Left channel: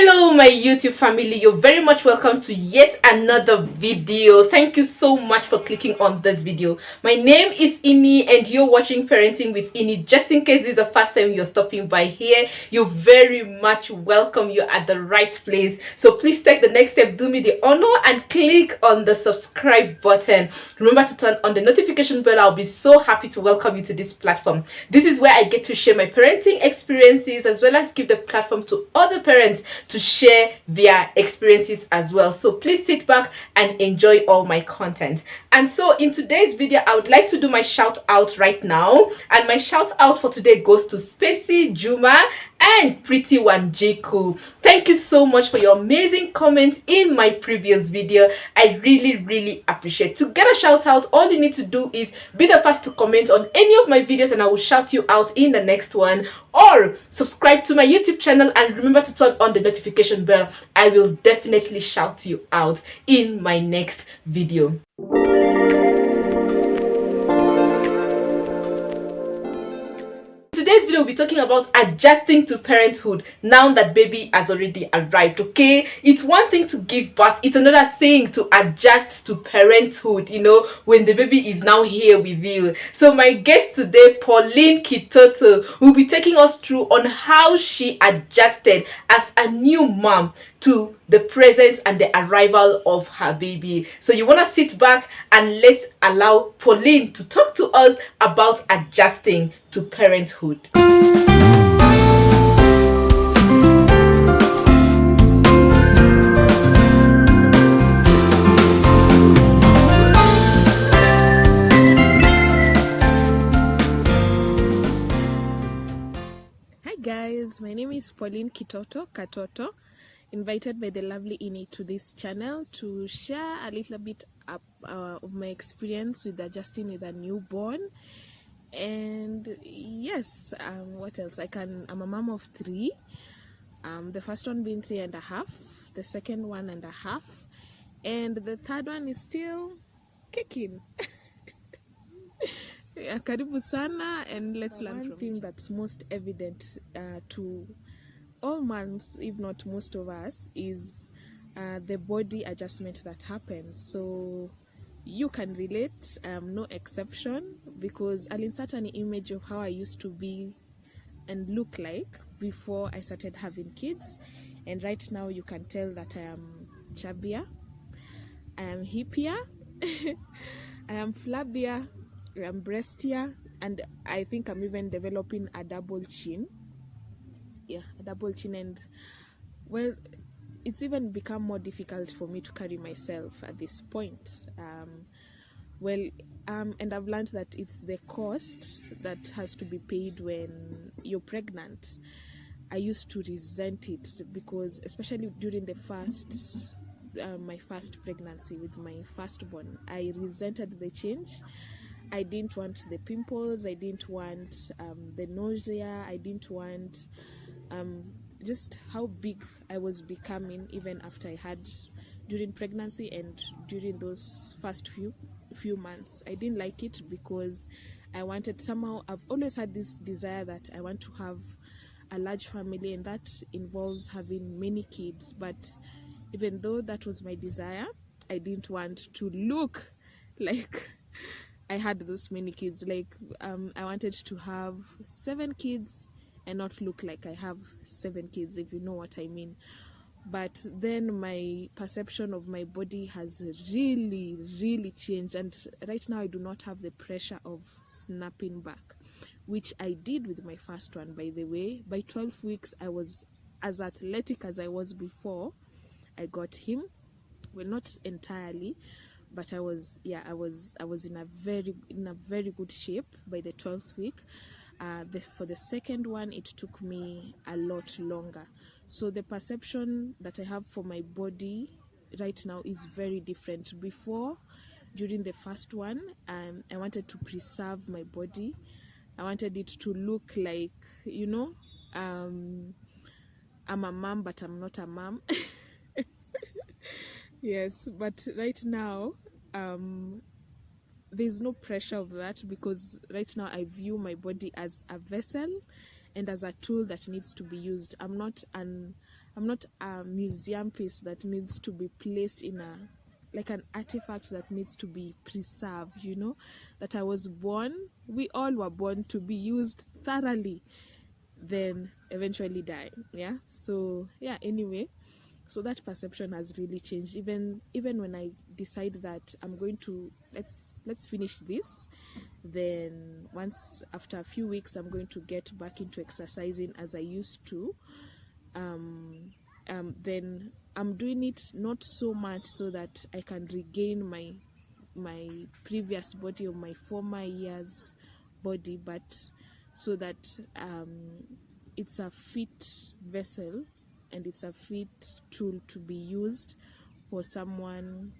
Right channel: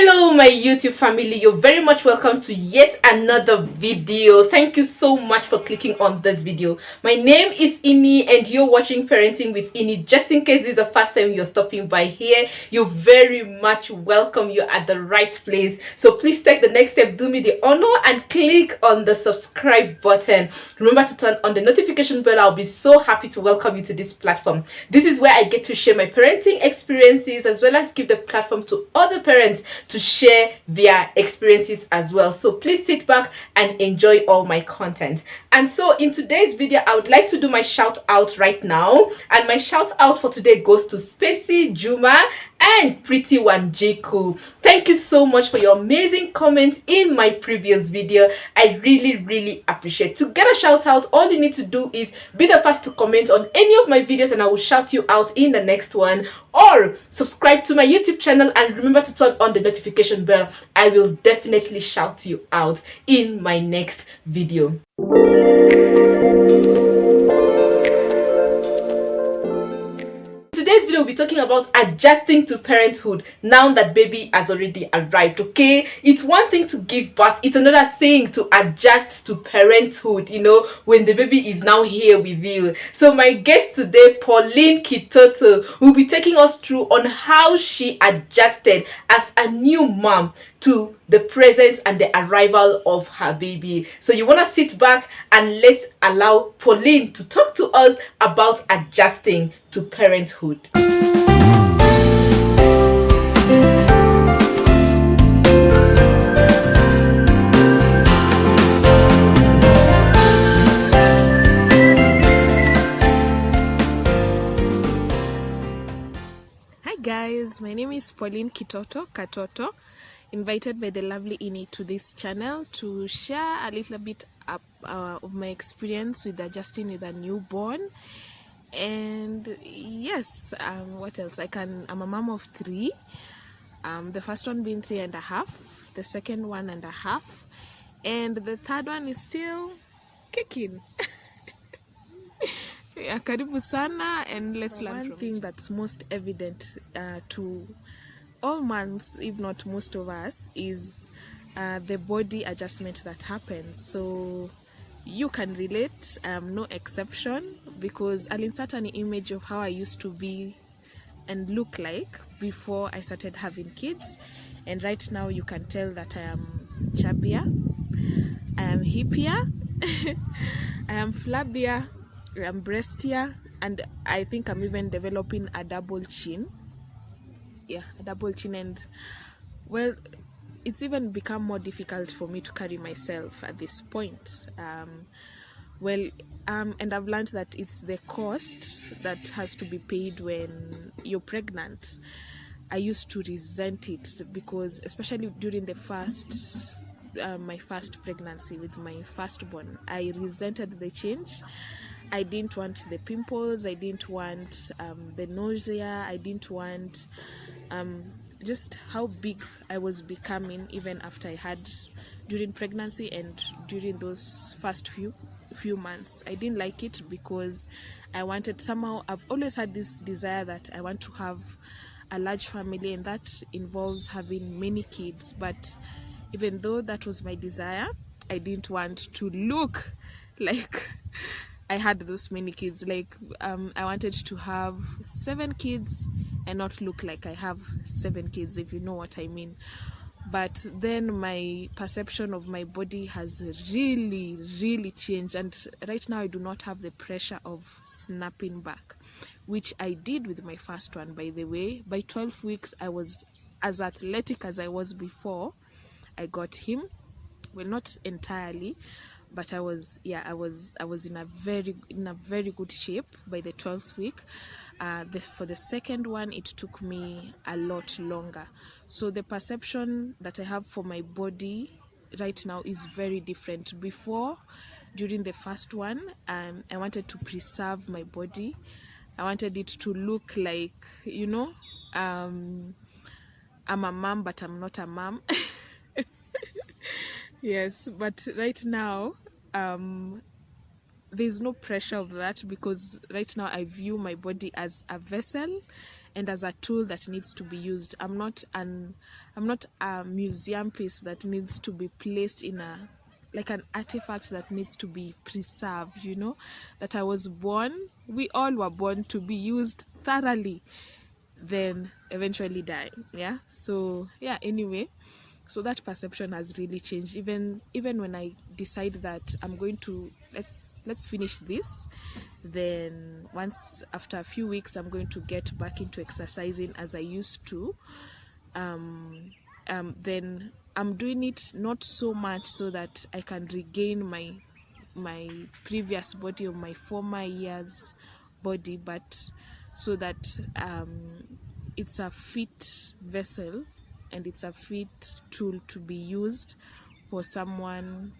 Hello my YouTube family, you're very much welcome to yet another video. Thank you so much for clicking on this video. My name is Ini and you're watching Parenting with Ini. Just in case this is the first time you're stopping by here, you're very much welcome. You're at the right place. So please take the next step, do me the honor and click on the subscribe button. Remember to turn on the notification bell. I'll be so happy to welcome you to this platform. This is where I get to share my parenting experiences as well as give the platform to other parents to share their experiences as well. So please sit back and enjoy all my content. And so in today's video, I would like to do my shout out right now. And my shout out for today goes to Spacey, Juma, and Pretty Wanjiku. Thank you so much for your amazing comments in my previous video. I really appreciate. To get a shout out, all you need to do is be the first to comment on any of my videos and I will shout you out in the next one, or subscribe to my YouTube channel and remember to turn on the notification bell. I will definitely shout you out in my next video. Today's video will be talking about adjusting to parenthood now that baby has already arrived. Okay, it's one thing to give birth, it's another thing to adjust to parenthood, you know, when the baby is now here with you. So my guest today, Pauline Kitoto, will be taking us through on how she adjusted as a new mom to the presence and the arrival of her baby. So you want to sit back and let's allow Pauline to talk to us about adjusting to parenthood. Hi guys, my name is Pauline Kitoto Katoto, invited by the lovely Ini to this channel to share a little bit of my experience with adjusting with a newborn. And yes, what else? I'm a mom of 3. The first one being 3.5, the second 1.5, and the third one is still kicking. Yeah, karibu sana, and let's learn. One thing that's most evident to all moms, if not most of us, is the body adjustment that happens. So you can relate. I am no exception, because I'll insert an image of how I used to be and look like before I started having kids, and right now you can tell that I am chubbier, I am hippier, I am flabbier, I am breastier, and I think I'm even developing a double chin. Yeah, a double chin. And well, it's even become more difficult for me to carry myself at this point. And I've learned that it's the cost that has to be paid when you're pregnant. I used to resent it because, especially during the my first pregnancy with my firstborn, I resented the change. I didn't want the pimples, I didn't want the nausea, I didn't want just how big I was becoming even after I had during pregnancy and during those first few months. I didn't like it because I wanted, somehow I've always had this desire that I want to have a large family, and that involves having many kids. But even though that was my desire, I didn't want to look like I had those many kids. Like I wanted to have 7 kids and not look like I have 7 kids, if you know what I mean. But then my perception of my body has really changed, and right now I do not have the pressure of snapping back, which I did with my first one, by the way. By 12 weeks I was as athletic as I was before I got him. Well, not entirely, but I was in a very good shape by the 12th week. For the second one, it took me a lot longer. So the perception that I have for my body right now is very different. Before, during the first one, I wanted to preserve my body. I wanted it to look like, you know, I'm a mom, but I'm not a mom. Yes, but right now, there's no pressure of that, because right now I view my body as a vessel, and as a tool that needs to be used. I'm not a museum piece that needs to be placed in a, like an artifact that needs to be preserved, you know, that I was born, we all were born to be used thoroughly, then eventually die. Yeah, so yeah, anyway, so that perception has really changed. Even when I decide that I'm going to, let's finish this, then once after a few weeks I'm going to get back into exercising as I used to, then I'm doing it not so much so that I can regain my previous body or my former years body, but so that it's a fit vessel and it's a fit tool to be used for someone,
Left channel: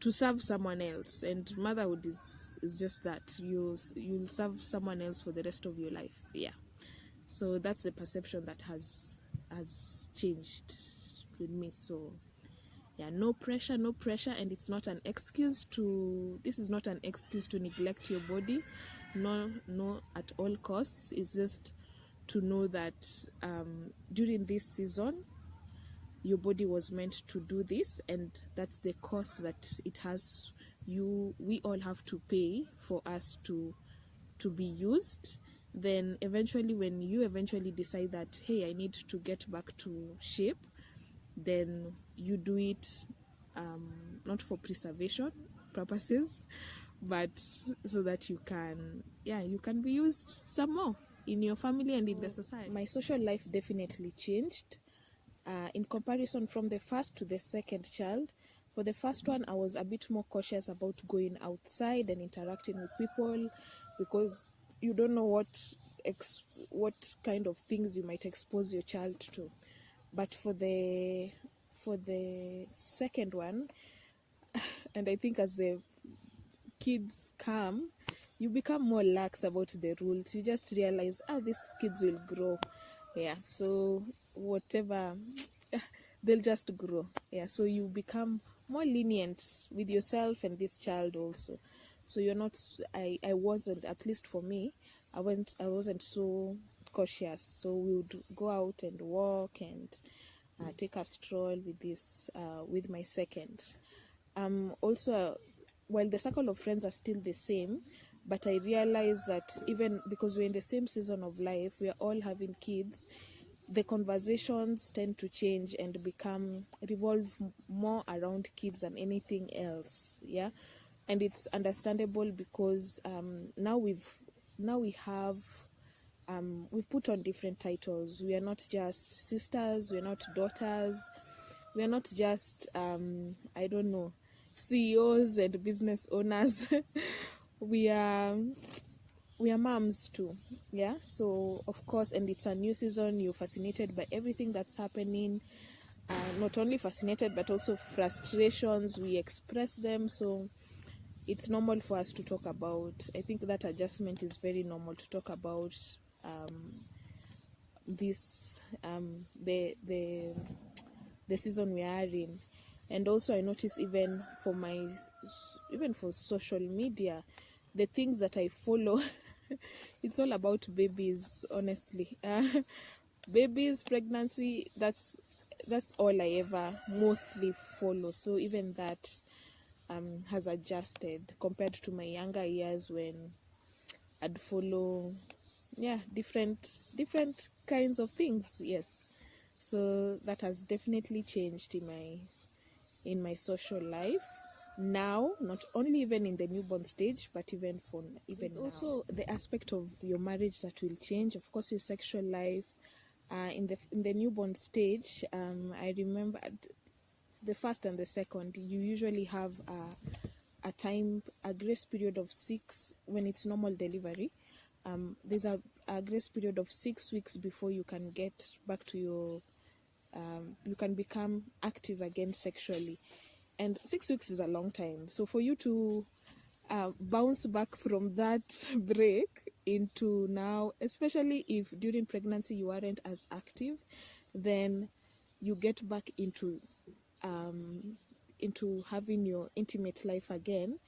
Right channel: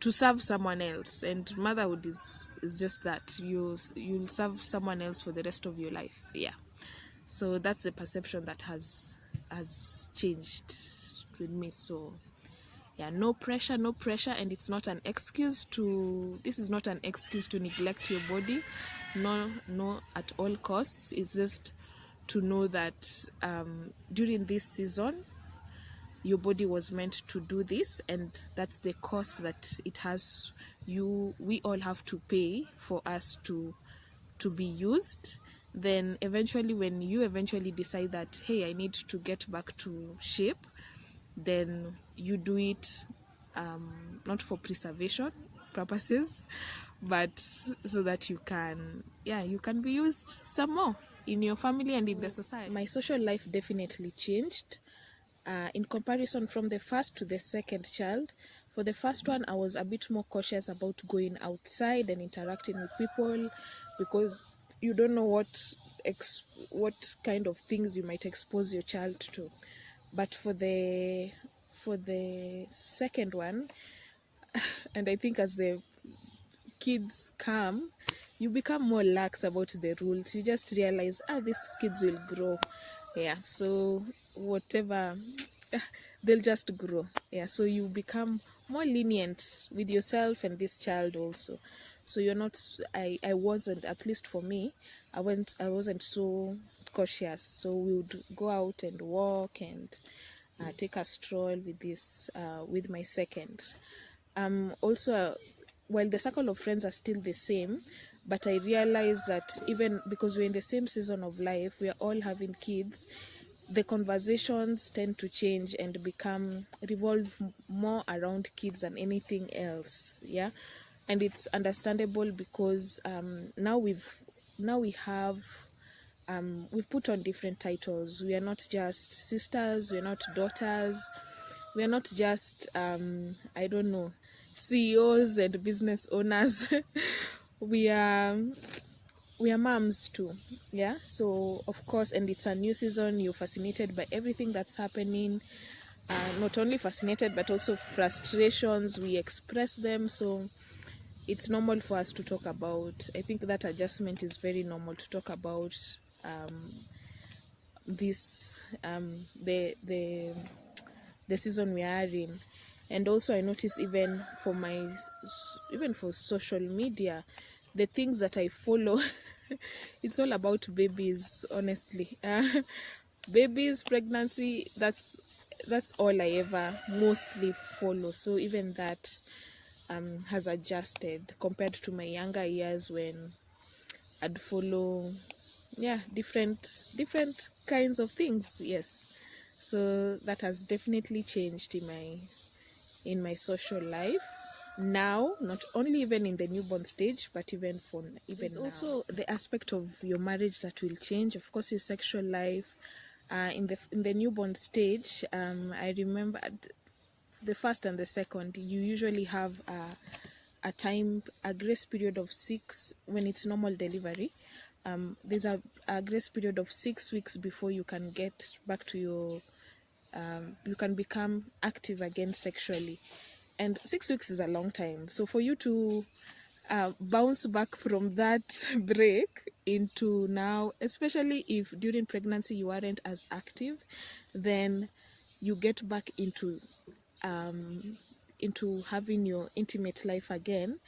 to serve someone else. And motherhood is just that, you'll serve someone else for the rest of your life. Yeah, so that's the perception that has changed with me. So yeah, no pressure, and it's not an excuse to, this is not an excuse to neglect your body, no at all costs. It's just to know that during this season your body was meant to do this, and that's the cost that it has. We all have to pay for us to be used. Then eventually, when you eventually decide that, hey, I need to get back to shape, then you do it not for preservation purposes, but so that you can be used some more in your family and in the society. My social life definitely changed in comparison from the first to the second child. For the first one, I was a bit more cautious about going outside and interacting with people, because you don't know what kind of things you might expose your child to. But for the second one, and I think as the kids come, you become more lax about the rules. You just realize, these kids will grow. Yeah, so whatever, they'll just grow. Yeah, so you become more lenient with yourself and this child also. So you're not, I wasn't, at least for me, I wasn't so cautious. So we would go out and walk and take a stroll with my second. Also, while the circle of friends are still the same, but I realize that even because we're in the same season of life, we are all having kids, the conversations tend to change and revolve more around kids than anything else. Yeah, and it's understandable because now we've put on different titles. We are not just sisters, we're not daughters, we are not just I don't know, CEOs and business owners. we are moms too. Yeah, so of course, and it's a new season, you're fascinated by everything that's happening. Not only fascinated, but also frustrations, we express them. So it's normal for us to talk about, I think that adjustment is very normal to talk about this the season we are in. And also I notice even for social media, the things that I follow, it's all about babies, honestly. Babies, pregnancy, that's all I ever mostly follow. So even that has adjusted compared to my younger years when I'd follow different kinds of things. Yes, so that has definitely changed in my social life now, not only even in the newborn stage, but even now. Also the aspect of your marriage that will change, of course, your sexual life. In the newborn stage, I remember the first and the second, you usually have a grace period of 6 when it's normal delivery. There's a grace period of 6 weeks before you can get back to your you can become active again sexually, and 6 weeks is a long time. So for you to bounce back from that break into now, especially if during pregnancy you aren't as active, then you get back into having your intimate life again,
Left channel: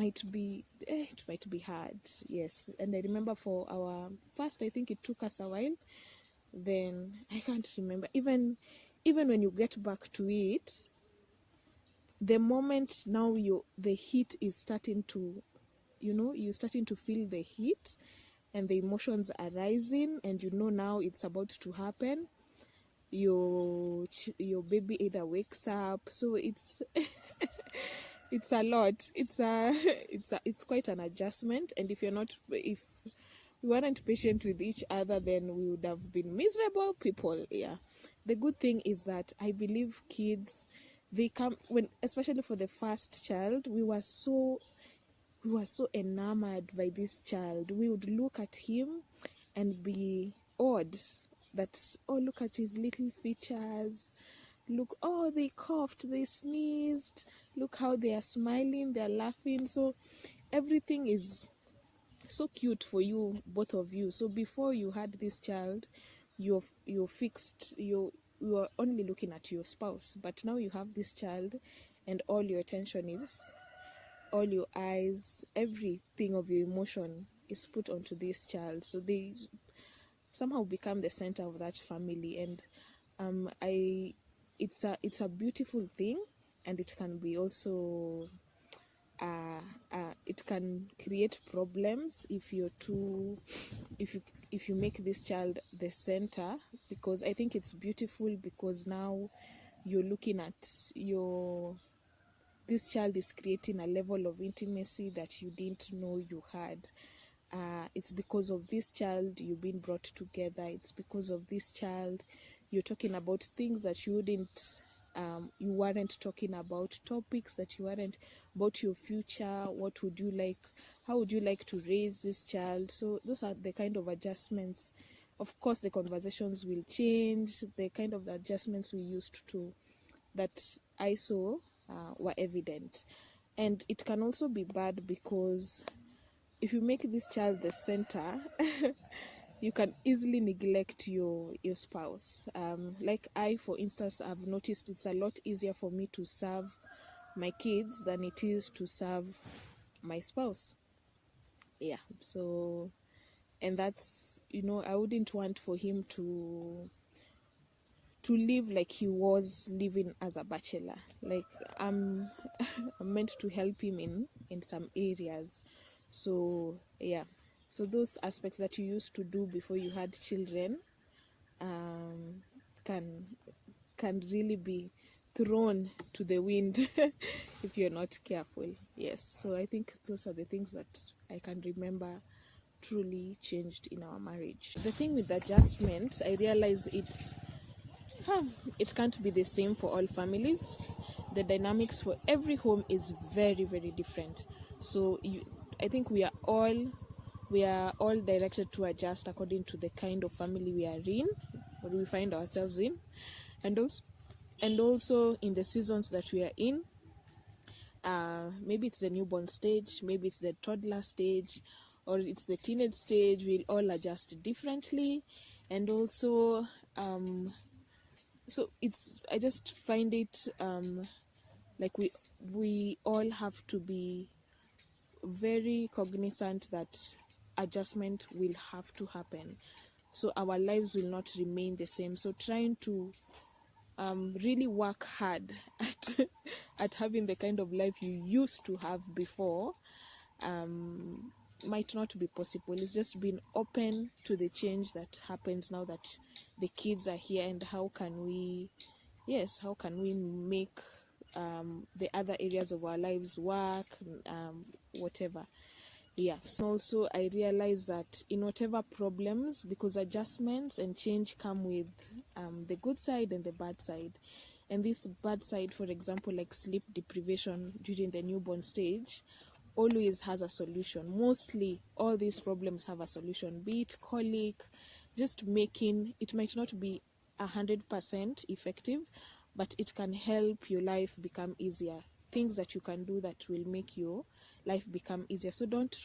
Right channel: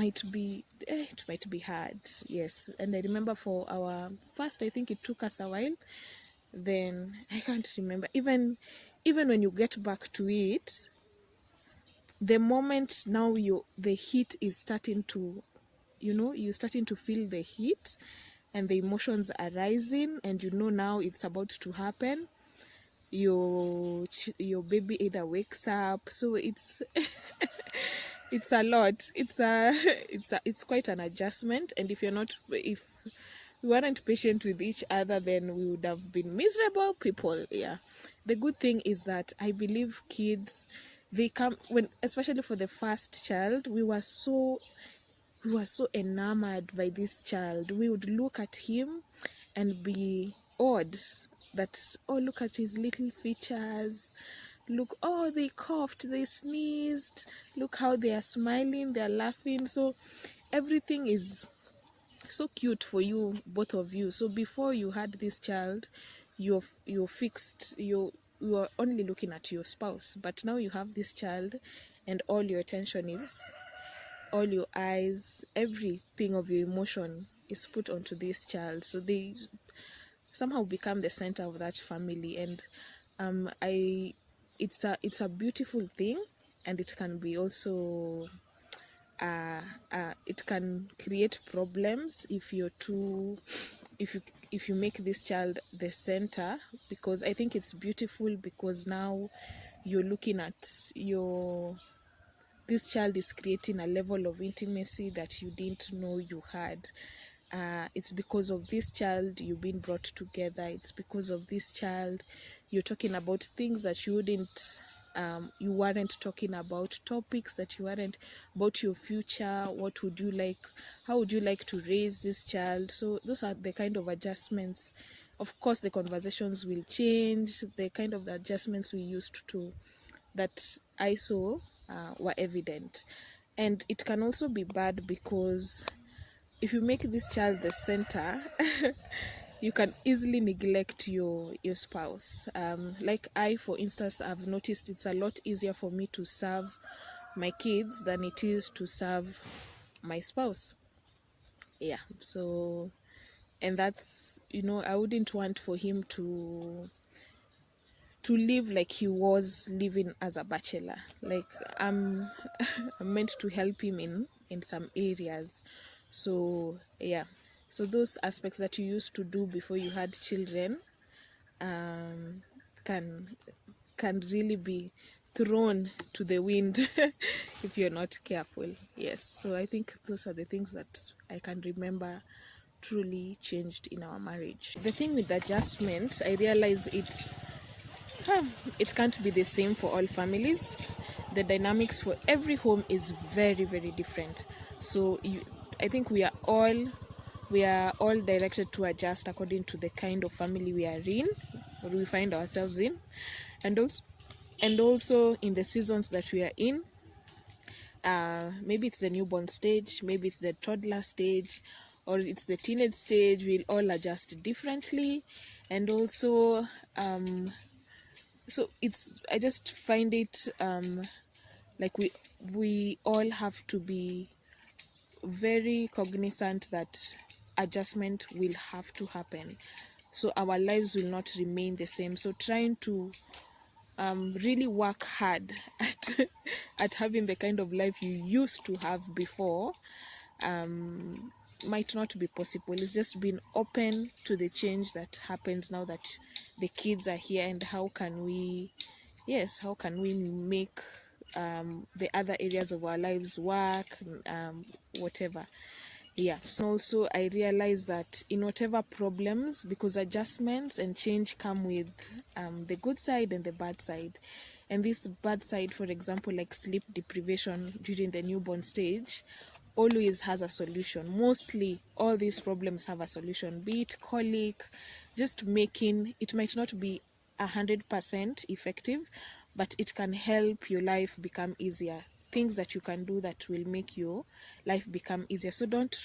it might be hard. Yes. And I remember for our first, I think it took us a while. Then I can't remember, even when you get back to it, the moment now the heat is starting to, you're starting to feel the heat and the emotions are rising, and now it's about to happen. Your baby either wakes up, so it's it's a lot. It's quite an adjustment. And if we weren't patient with each other, then we would have been miserable people. Yeah. The good thing is that I believe kids, they come when, especially for the first child, we were so enamored by this child. We would look at him and be awed that, oh, look at his little features, look, oh, they coughed, they sneezed, look how they are smiling, they are laughing. So everything is so cute for you, both of you. So before you had this child, you're fixed, you are only looking at your spouse. But now you have this child, and all your attention is, all your eyes, everything of your emotion is put onto this child. So they somehow become the center of that family. And it's a beautiful thing. And it can be also it can create problems if you make this child the center, because I think it's beautiful, because now you're looking at this child is creating a level of intimacy that you didn't know you had. It's because of this child you've been brought together. It's because of this child you're talking about things that you weren't talking about, topics that you weren't, about your future. What would you like? How would you like to raise this child? So those are the kind of adjustments. Of course, the conversations will change. The kind of adjustments we used to, that I saw, were evident. And it can also be bad, because if you make this child the center, you can easily neglect your spouse. Like I, for instance, I've noticed it's a lot easier for me to serve my kids than it is to serve my spouse. Yeah. So, and that's, I wouldn't want for him to live like he was living as a bachelor. Like I'm meant to help him in some areas. So yeah, so those aspects that you used to do before you had children can really be thrown to the wind if you're not careful. Yes. So I think those are the things that I can remember truly changed in our marriage. The thing with adjustment, I realize it can't be the same for all families. The dynamics for every home is very, very different. So I think we are all directed to adjust according to the kind of family we are in, or we find ourselves in, and also in the seasons that we are in. Maybe it's the newborn stage, maybe it's the toddler stage, or it's the teenage stage. We'll all adjust differently. And also so I just find it like we all have to be very cognizant that adjustment will have to happen, so our lives will not remain the same. So trying to really work hard at having the kind of life you used to have before might not be possible. It's just being open to the change that happens now that the kids are here, and how can we make the other areas of our lives work, whatever. Yeah. So also I realize that in whatever problems, because adjustments and change come with the good side and the bad side. And this bad side, for example, like sleep deprivation during the newborn stage, always has a solution. Mostly all these problems have a solution, be it colic, just making it might not be 100% effective, but it can help your life become easier. Things that you can do that will make your life become easier. So don't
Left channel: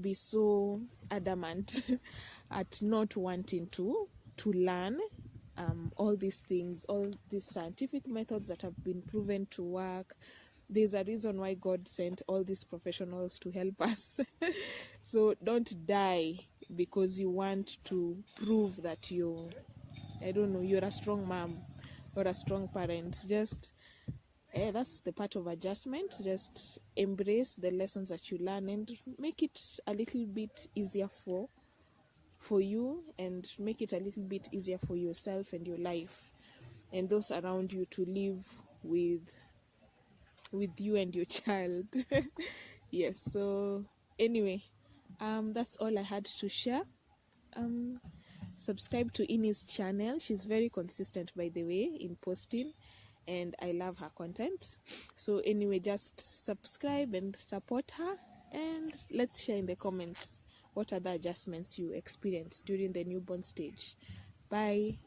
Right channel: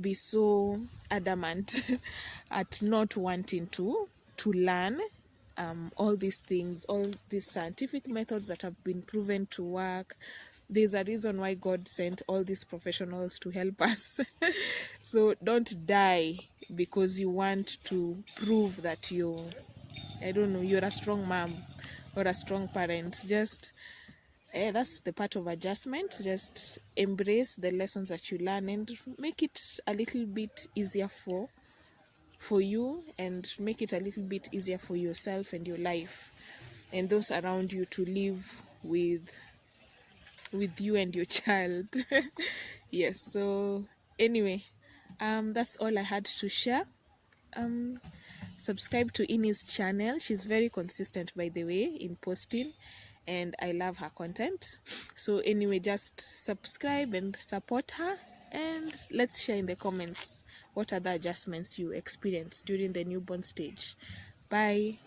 be so adamant at not wanting to learn all these things, all these scientific methods that have been proven to work. there's a reason why God sent all these professionals to help us. So don't die because you want to prove that you're a strong mom or a strong parent. Just that's the part of adjustment. Just embrace the lessons that you learn and make it a little bit easier for you, and make it a little bit easier for yourself and your life and those around you to live with you and your child. Yes, so anyway, that's all I had to share. Subscribe to Ini's channel. She's very consistent, by the way, in posting, and I love her content. So anyway, just subscribe and support her, and let's share in the comments what other adjustments you experience during the newborn stage. Bye.